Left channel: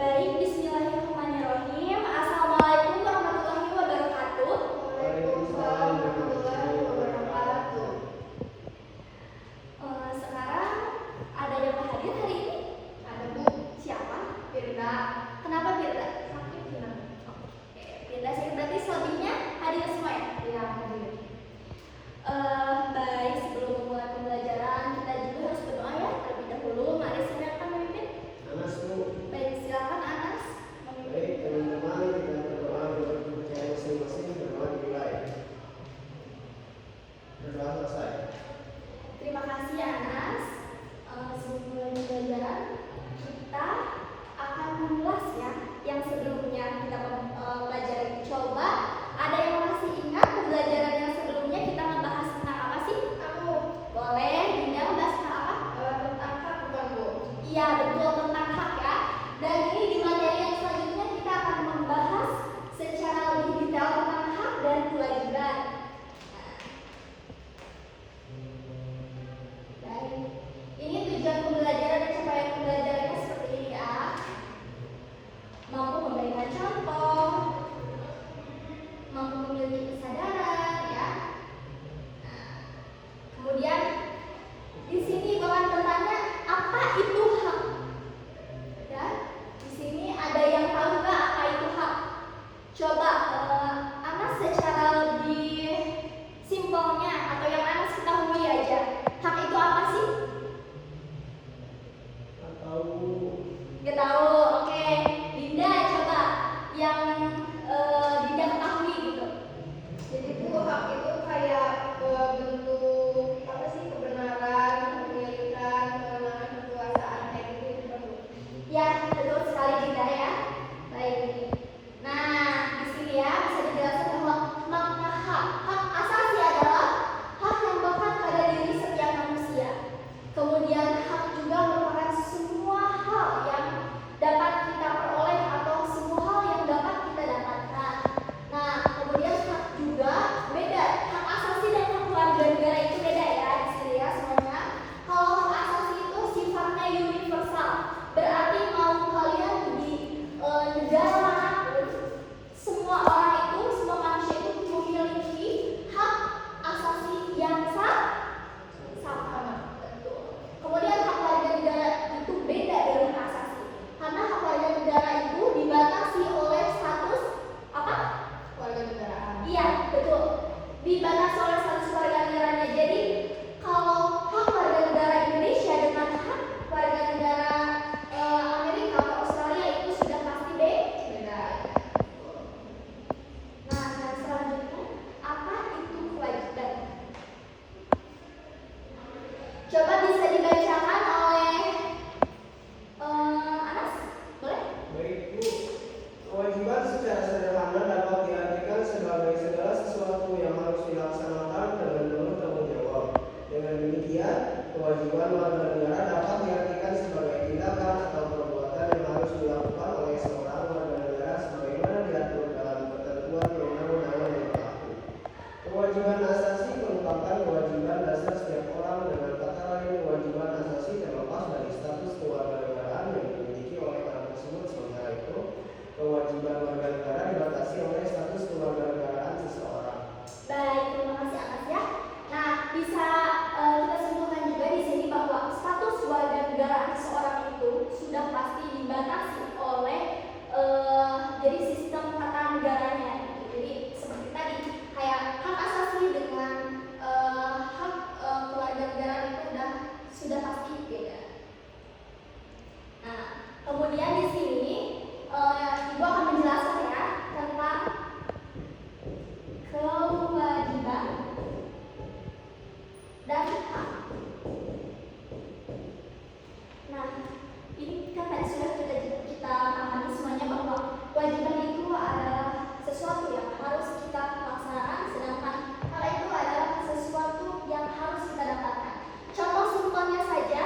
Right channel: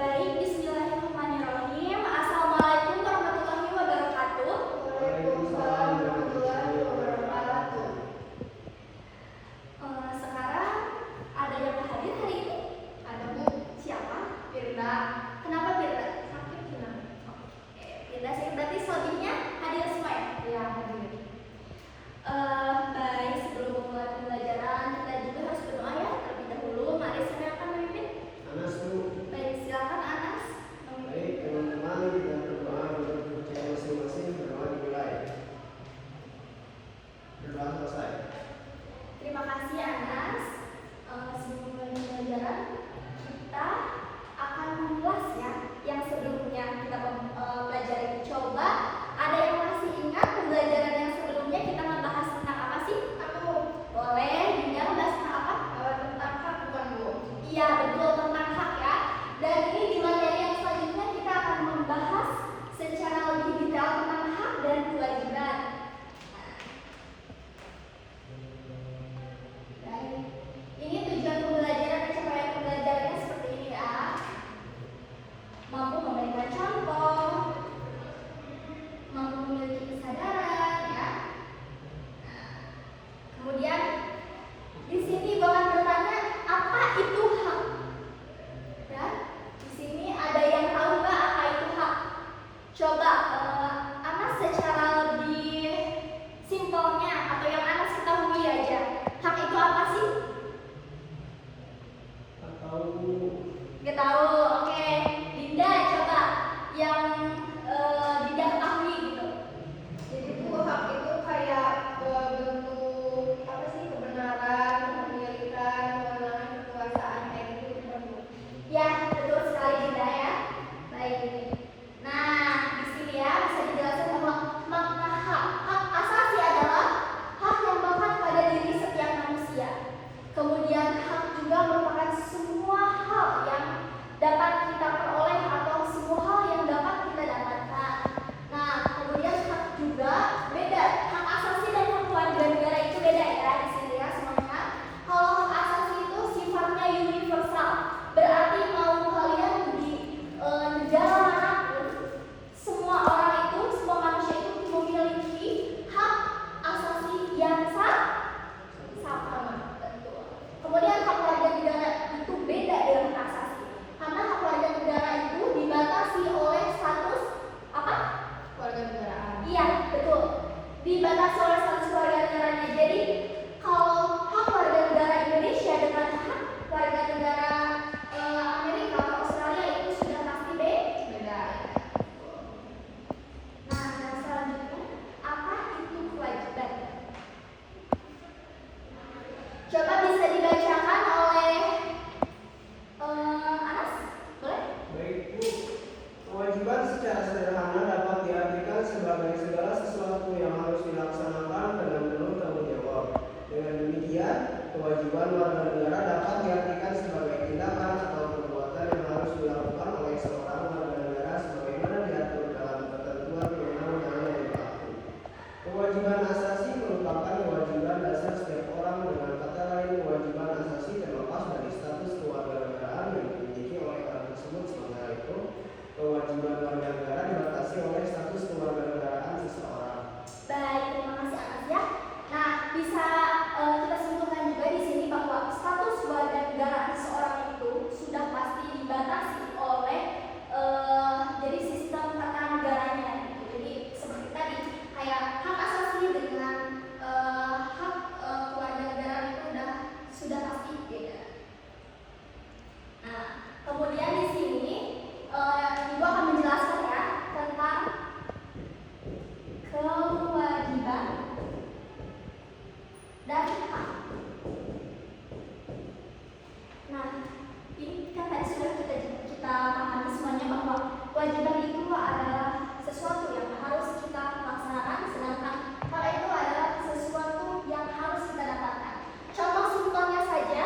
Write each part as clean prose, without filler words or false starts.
Baik, bismillahirrahmanirrahim. Assalamualaikum warahmatullahi wabarakatuh. Waalaikumsalam warahmatullahi wabarakatuh. Sekarang ada yang hadir hari ini? Ada Bu. Siapa? Firda. Kenapa Firda? Sakit gimana? Oke, Firda sih berarti selebihnya hadir semua ya? Iya, hadir. Baik, sebelum memulai pembelajaran kita juga harus berdoa ya terlebih dahulu. Mari silakan memimpin. Anas Bu. Baik, silakan Anas. Baik, teman-teman, kita berdoa dengan percaya masing-masing, berdoa dimulai. Berdoa selesai. Terima kasih Anas. Sebelum mulai pembelajaran kita akan mengulas ya yang sebelumnya kita pelajari. Coba ada yang masih ingat pembelajaran yang sebelumnya kita membahas tentang apa sih? Aku. Boleh, Dinda membahas tentang apa? Tentang hak bukan Bu. Iya betul, tentang hak ya. Dan ini di materi yang selanjutnya kita akan membahas secara lebih detail tentang hak dan kewajiban. Baik, ini tujuan pembelajaran dan capaian pembelajarannya seperti ini ya. Mampu memberikan contoh, mampu memiliki kesadaran ya. Kemudian di sini bakalan bertanya apa itu hak? Ya, di sini ada yang tahu nggak apa itu hak? Coba Anas secara lebih simpelnya atau yang Anas ketahui aja. Hak itu apa sih? Atau Nggak tahu. Oke, Dinda coba yang Dinda ketahui gitu. jadi Bu, hak itu kayak bentuk apa sih, kebenaran, kepemilikan, kewenangan, kekuasaan, kayak gitu bukan Bu? Ya, betul sekali Dinda ya. Baik. Nah, di sini ya bisa dijelaskan bahwa makna hak. Hak asasi adalah hak yang melekat pada diri setiap manusia. Kemudian hak juga merupakan semua hal yang dapat kita peroleh atau semua hal yang dapat kita dapatkan. Nah, kemudian hak juga beda. Hak asasi dan hak warga negara itu beda ya di sini ya semuanya. Kalau hak asasi itu sifatnya universal. Berarti mau kalian di negara manapun, semua orang itu, semua manusia itu memiliki hak asasi yang sama. Betul. Kemudian hak warga negara itu beda dari hak asasi. Karena hak warga negara itu dibatasi oleh status apa? Warga negaraan. Iya, betul. Dibatasi oleh status warga negaranya. Jadi, kalau hak warga negara Indonesia dengan hak warga negara Amerika atau Australia itu sudah pasti beda. Nah, dan selanjutnya, apa itu kewajiban? Coba bisa dibacakan oleh Anas, boleh? Baik Bu, kewajiban secara sederhana dapat diartikan sebagai segala sesuatu yang harus dilaksanakan dengan penuh tanggung jawab. Dengan demikian, kewajiban warga negara dapat diartikan sebagai tindakan atau perbuatan yang harus dilakukan oleh seorang warga negara sebagaimana diatur dalam ketentuan undang-undang yang berlaku. Kewajiban asasi merupakan kewajiban dasar setiap orang, dengan kata lain kewajiban asasi terlepas dari status kewarganegaraan yang dimiliki oleh orang tersebut. Sementara itu, kewajiban warga negara dibatasi oleh status kewarganegaraan seseorang. Baik, terima kasih Anas ya. Nah, bisa kita simpulkan juga di sini bahwa status warga negara seseorang itu sudah pasti dibatasi oleh jadi sistem tata negaranya gitu. Jadi seperti tadi kayak hak asasi dengan hak keluarga negara itu sudah pasti beda. Nah, kemudian di sini Ibu akan menjelaskan ya tentang kewajiban dan hak. Nah, ini kan tadi sudah kita pahami semuanya bahwa kewajiban itu adalah sesuatu yang harus kita laksanakan, sedangkan hak itu adalah sesuatu yang harus kita dapatkan. Contoh simpelnya saja,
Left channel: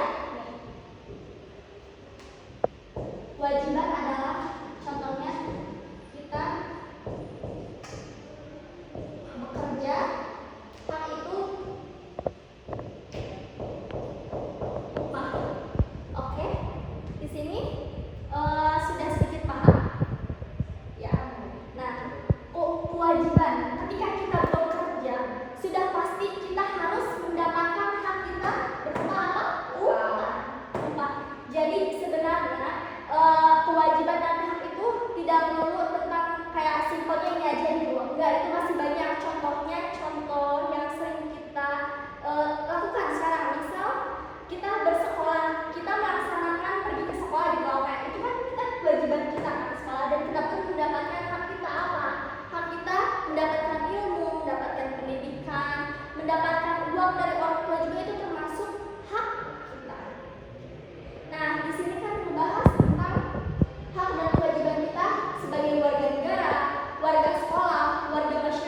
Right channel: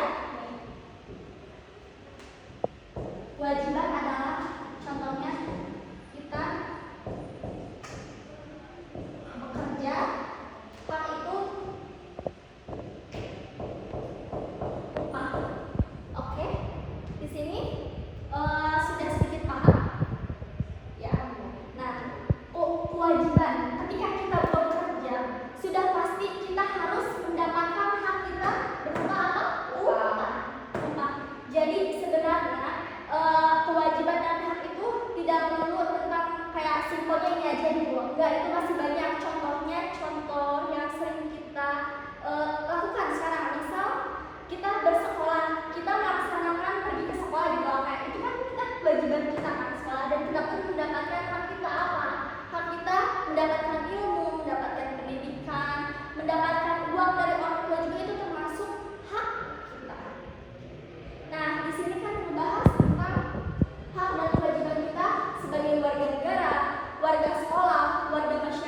kewajiban adalah contohnya kita bekerja, hak itu upah. Oke, di sini sudah sedikit enggak, itu masih banyak. Contohnya, contoh yang sering kita lakukan sekarang. Misal kita bersekolah, kita melaksanakan pergi ke sekolah gitu, kayak itu kan kita kewajiban kita kan sekolah, dan kita pun mendapatkan hak kita apa? Hak kita mendapatkan ilmu, mendapatkan pendidikan, mendapatkan uang dari orang tua juga, itu termasuk hak kita. Nah, di sini kan membahas tentang hak dan kewajiban kita sebagai warga negara, warga sekolah, warga masyarakat.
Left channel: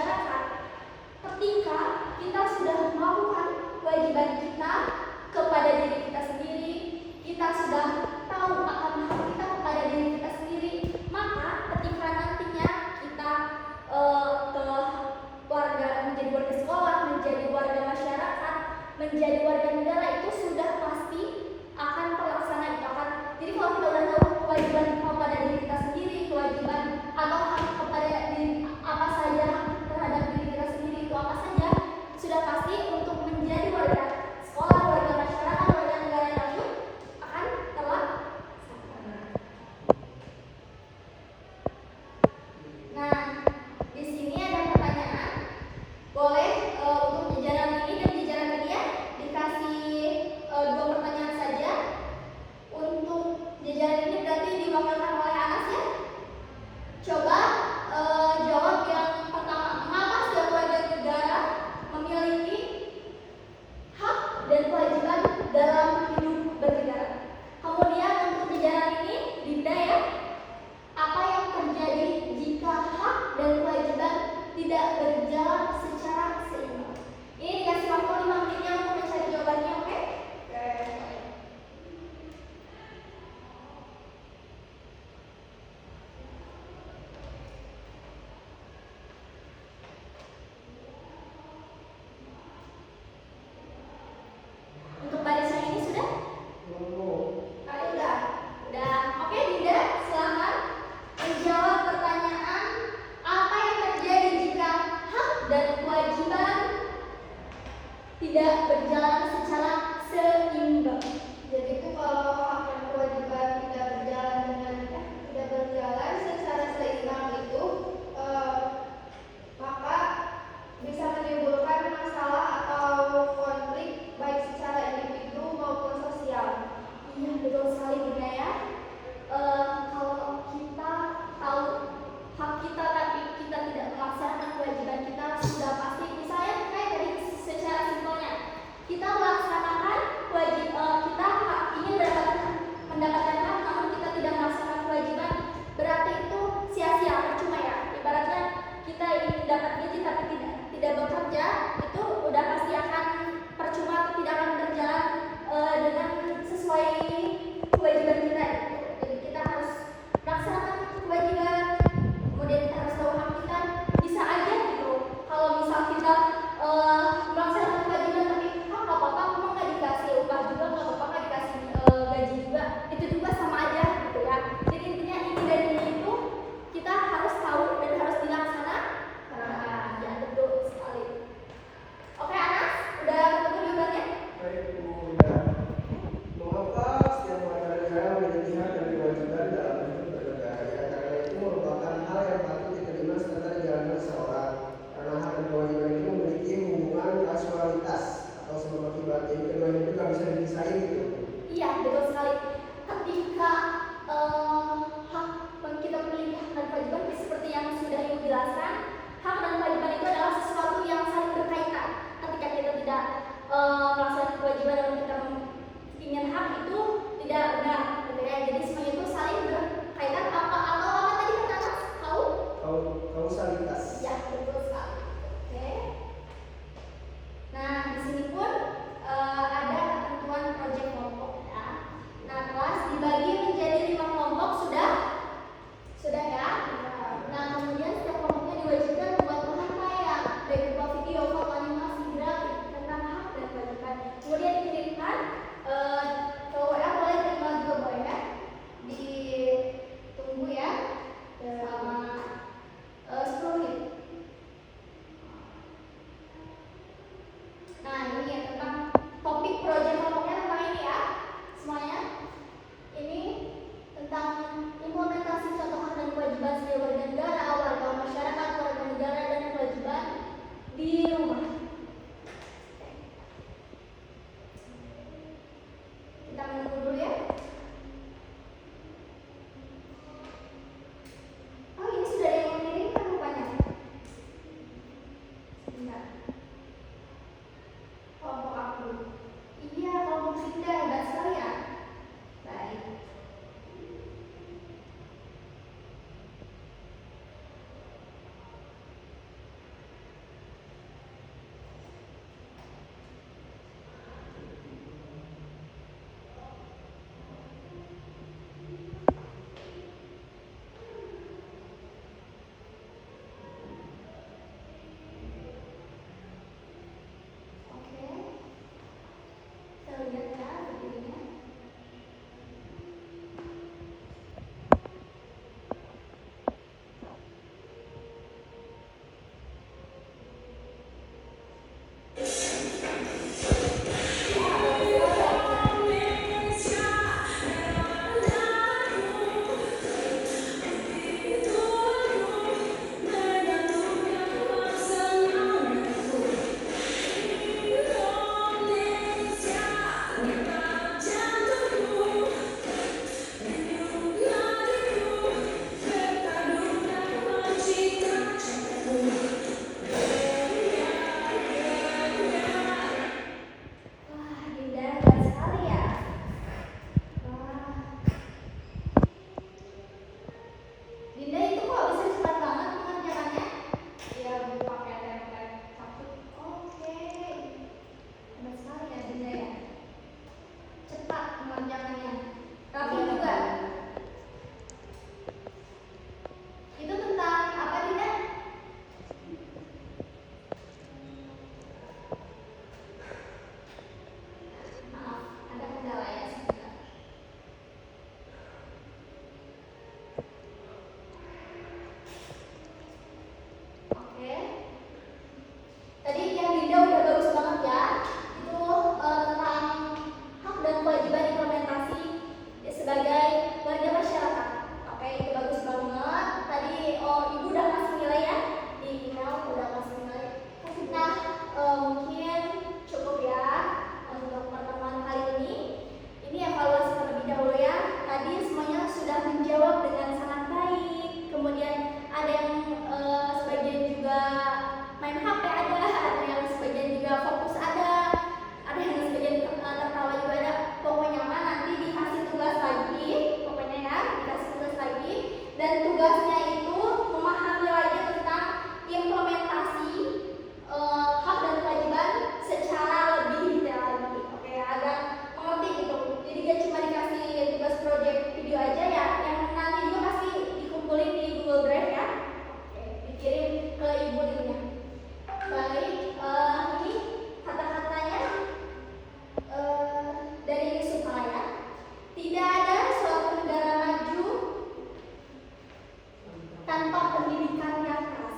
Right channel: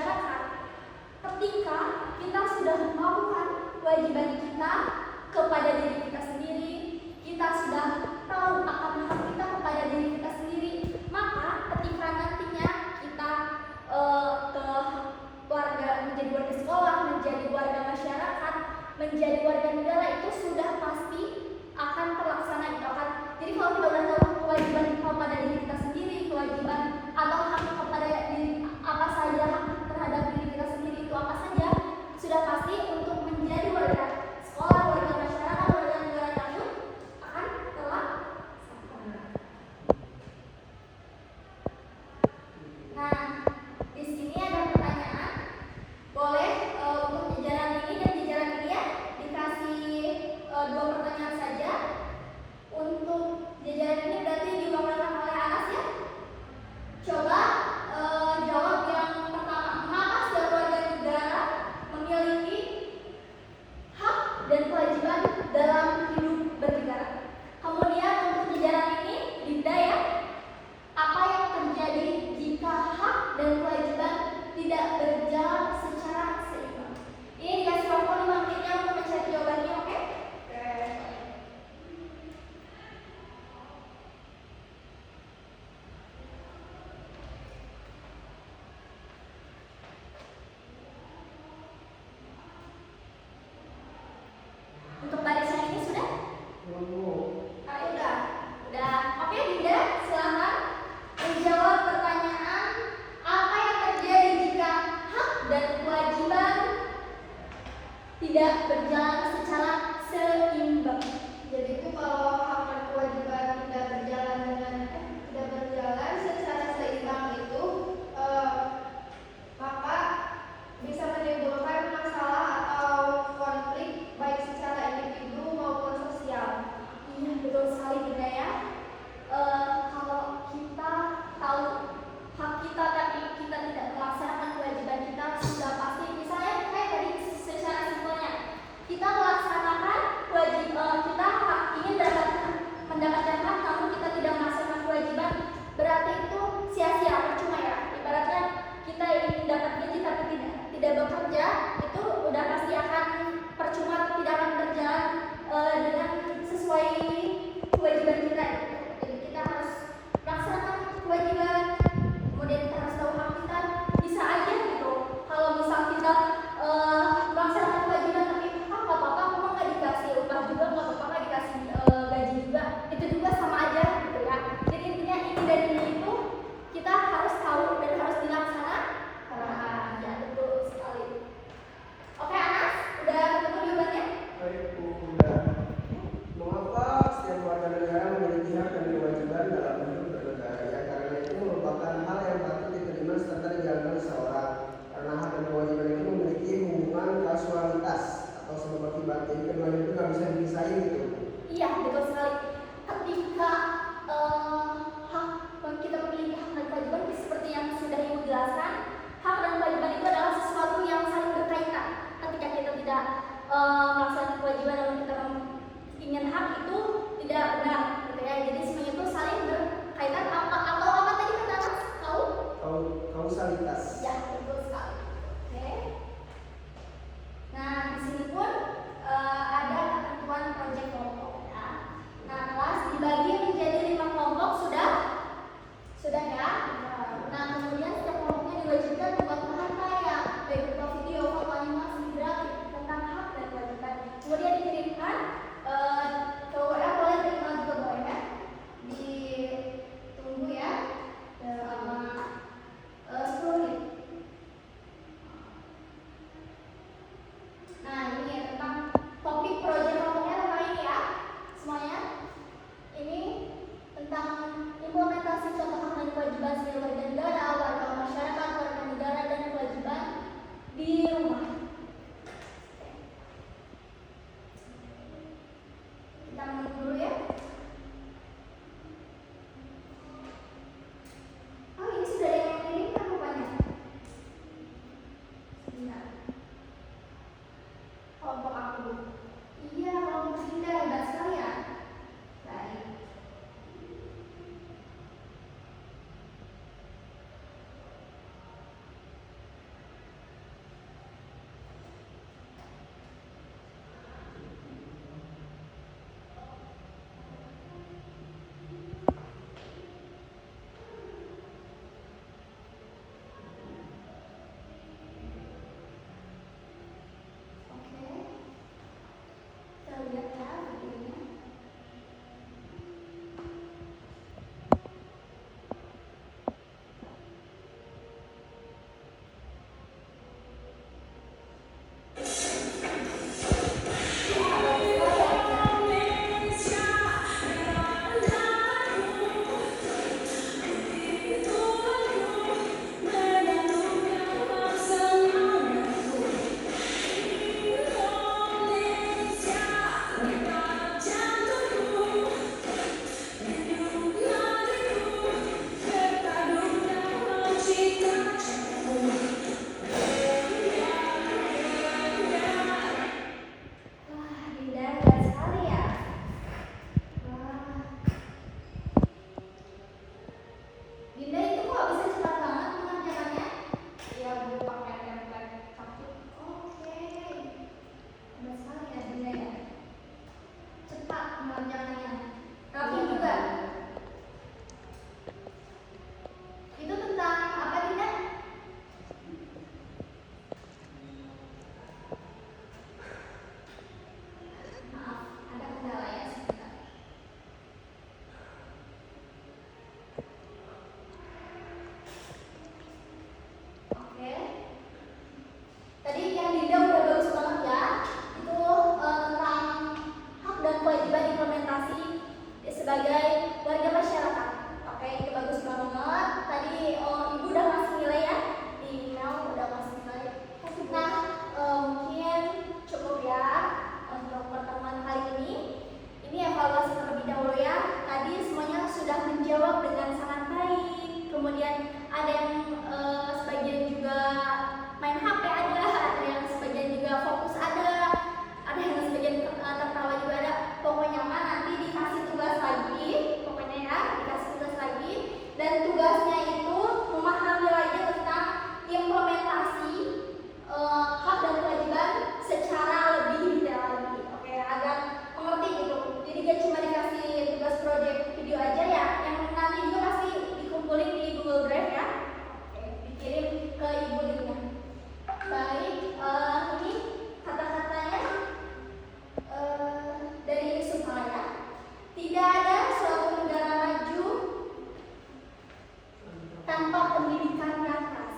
tanpa pendidikan yang keras.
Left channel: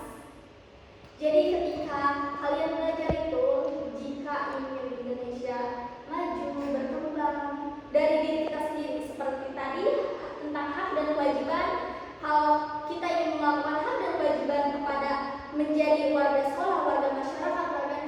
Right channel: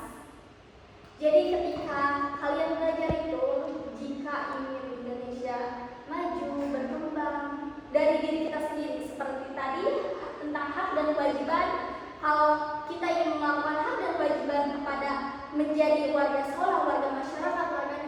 Jadi ketika kalian belajar itu, jika ingin Indonesia maju, berkembang dari diri kita sendiri, seperti tadi tentang hak dan kewajiban, kalau kita ingin melakukan hak dan kewajiban kepada menjadi warga sekolah, warga masyarakat, warga